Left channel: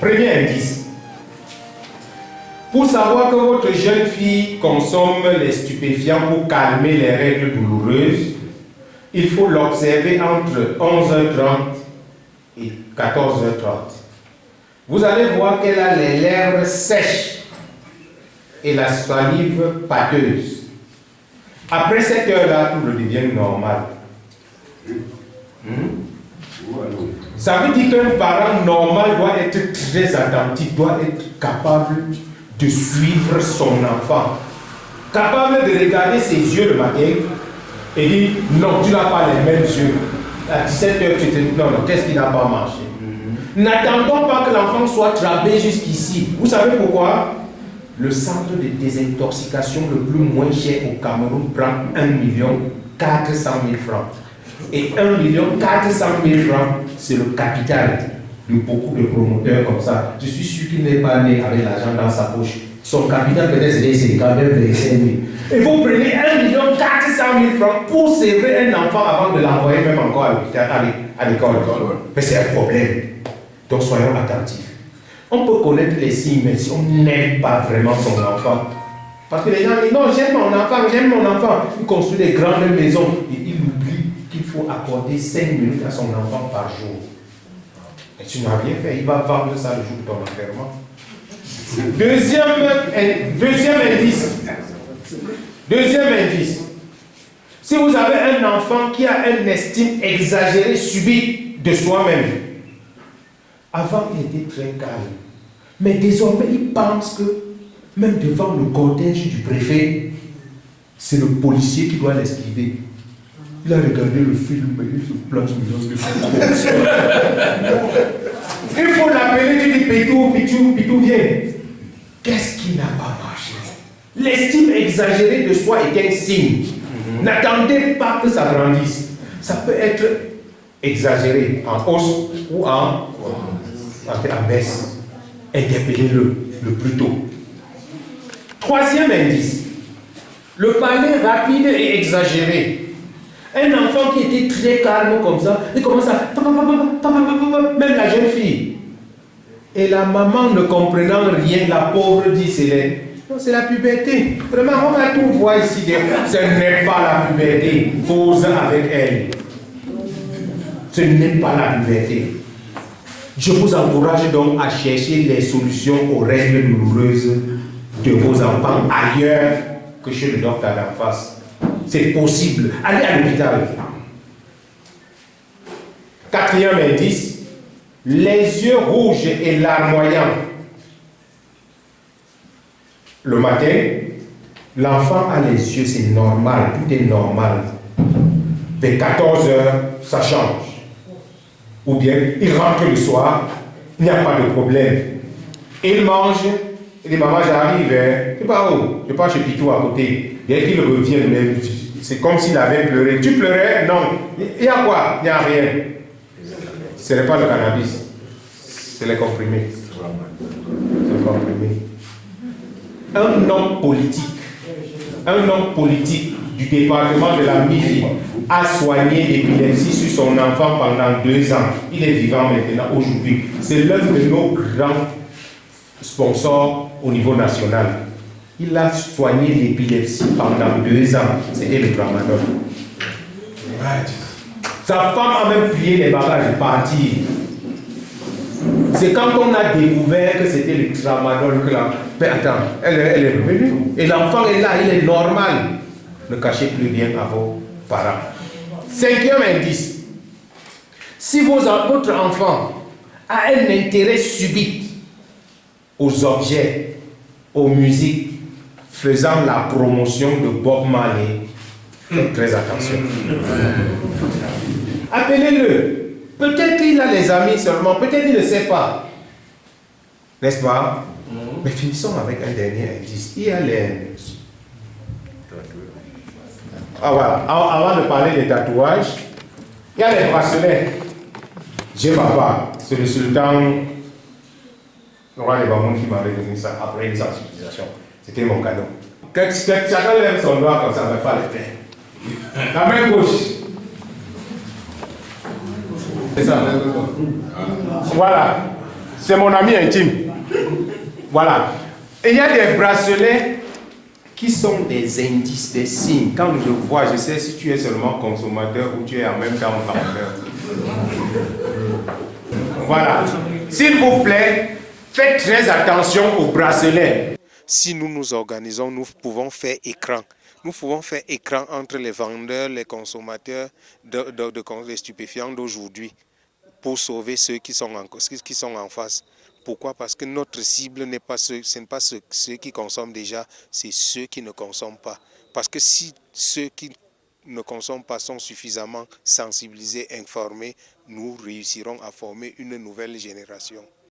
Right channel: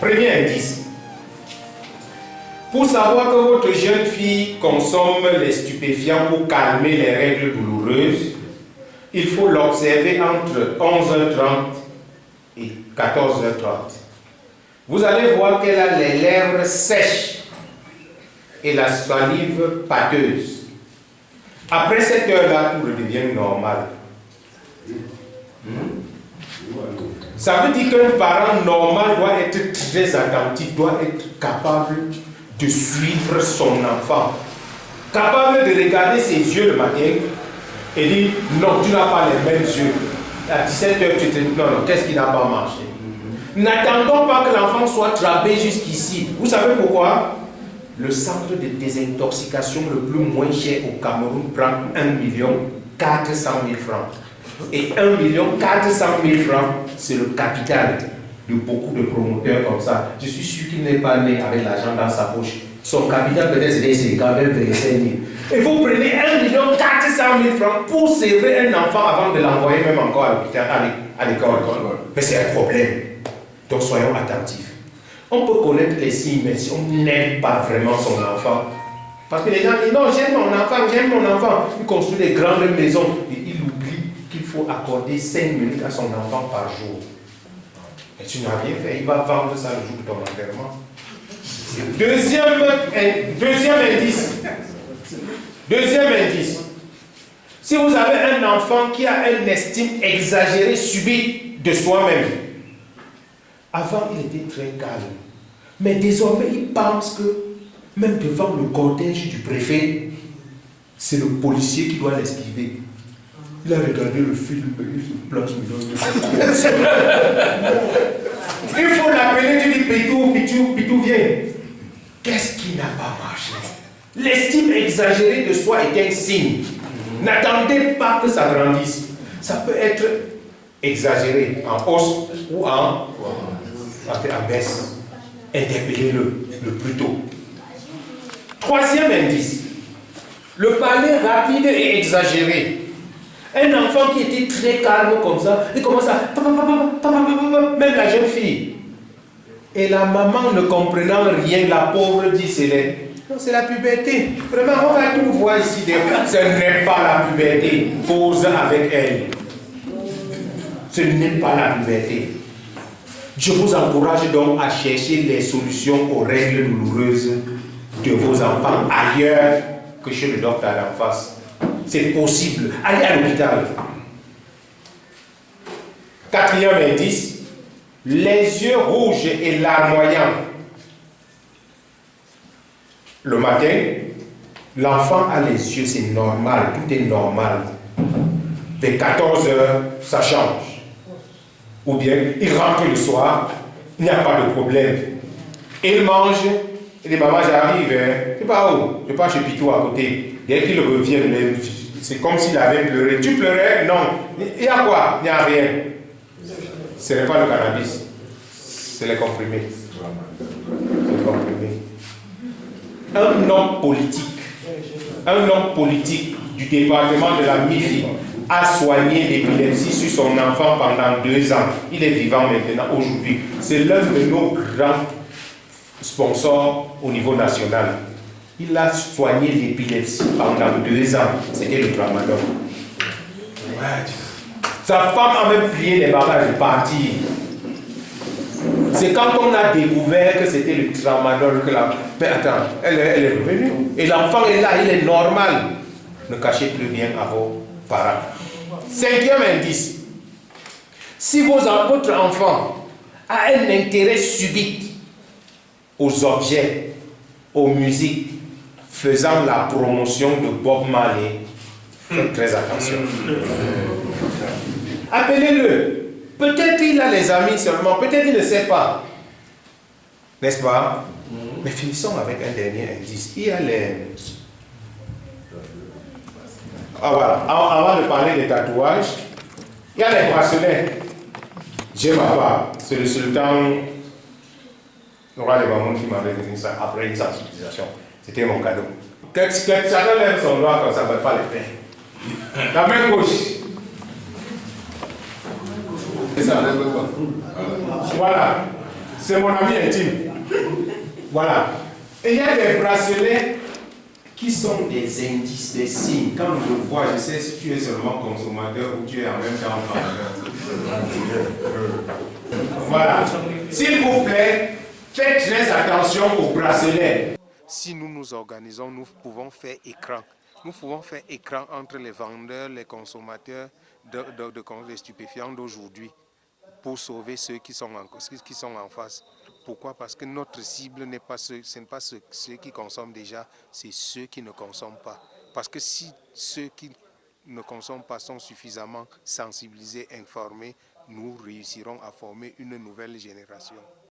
Premier indice. Pour savoir que votre jeune fille consomme les stupéfiants pour calmer les règles douloureuses, il faut l'observer entre 11h30 et 14h30. Vous allez voir qu'elle a les lèvres sèches et la salive pâteuse. Après cette heure-là, tout redevient normal. Ça veut dire qu'un parent normal doit être très attentif, doit être capable de suivre son enfant, capable de regarder ses yeux le matin et dire non, tu n'as pas les mêmes yeux. À 17h, tu te dis non, qu'est-ce qui n'a pas marché? N'attendons pas que l'enfant soit trappé jusqu'ici. Vous savez pourquoi? Le centre de désintoxication le plus moins cher au Cameroun prend 1 400 000 francs. Et 1 400 000 francs, c'est le capital de beaucoup de promoteurs comme ça. Je suis sûr qu'il n'est pas né avec l'argent dans sa poche. Son capital peut-être c'est quand même 25 000. Et vous prenez 1 400 000 francs pour servir un enfant avant de l'envoyer même encore à l'hôpital, à l'école. Mais c'est un problème. Donc soyons attentifs. On peut connaître les signes, mais si on n'aime pas vraiment son enfant, parce que les gens disent non, j'aime mon enfant. Il construit des grandes maisons et il oublie qu'il faut accorder 5 minutes à son enfant par jour. Et tu n'as rien fait, il va vendre ça le jour de ton enterrement. Deuxième indice. Si vous avez un enfant qui a une estime exagérée, subite de soi-même, avant il était très calme, mais désormais il pense que même devant le cortège du préfet, c'est le policier qui doit l'esquiver. Il a regardé le film, il se place maintenant. Il faut l'appeler, tu dis Pitou, viens. Qu'est-ce qui n'a pas marché? L'estime exagérée de soi est un signe. N'attendez pas que ça grandisse. Ça peut être exagéré en hausse ou en baisse. Interpellez-le le plus tôt. Troisième indice. Le parler rapide et exagéré. Un enfant qui était très calme comme ça, il commence à même la jeune fille. Et la maman ne comprenant rien, la pauvre dit c'est la puberté. Vraiment, on va tout voir ici. Ce n'est pas la puberté. Cause avec elle. Ce n'est pas la puberté. Je vous encourage donc à chercher les solutions aux règles douloureuses de vos enfants ailleurs que chez le docteur d'en face. C'est possible. Allez à l'hôpital. Quatrième indice, les yeux rouges et larmoyants. Le matin, l'enfant a les yeux, c'est normal, tout est normal. Vers 14 heures, ça change. Ou bien, il rentre le soir, il n'y a pas de problème. Il mange, il dit maman, j'arrive, tu pars où? Je pars chez Pitou à côté. Dès qu'il revient, c'est comme s'il avait pleuré. Tu pleurais? Non. Il y a quoi? Il n'y a rien. Ce n'est pas le cannabis, c'est les comprimés. C'est les comprimés. Un homme politique du département de la MIFI a soigné l'épilepsie sur son enfant pendant 2 ans. Il est vivant maintenant, aujourd'hui. C'est l'un de nos grands sponsors au niveau national. Il a soigné l'épilepsie pendant 2 ans. C'était le tramadol. Sa femme a même plié les bagages et parti. C'est quand on a découvert que c'était le tramadol que la... Mais attends, elle est revenue. Et l'enfant est là, il est normal. Ne cachez plus rien à vos parents. 5e indice. Si votre enfant a un intérêt subit aux objets, aux musiques, faisant la promotion de Bob Marley, faites très attention. Appelez-le. Peut-être il a les amis seulement, peut-être il ne sait pas. N'est-ce pas? Mais finissons avec un dernier indice. Il y a les... Ah voilà, avant de parler des tatouages, il y a les bracelets. J'ai ma part. C'est le sultan, le roi des Bamoun qui m'avait donné ça après une sensibilisation. C'était mon cadeau. Chacun lève son doigt comme ça, mais pas les mains. La main gauche. C'est ça. Voilà. C'est mon ami intime. Voilà. Et il y a des bracelets qui sont des indices, des signes. Quand je le vois, je sais si tu es seulement consommateur ou tu es en même temps vendeur. Voilà. S'il vous plaît, faites très attention aux bracelets. Si nous nous organisons, nous pouvons faire écran. Nous pouvons faire écran entre les vendeurs, les consommateurs de stupéfiants d'aujourd'hui pour sauver ceux qui sont en face. Pourquoi? Parce que notre cible n'est pas ce n'est pas ceux qui consomment déjà, c'est ceux qui ne consomment pas. Parce que si ceux qui ne consomment pas sont suffisamment sensibilisés, informés, nous réussirons à former une nouvelle génération.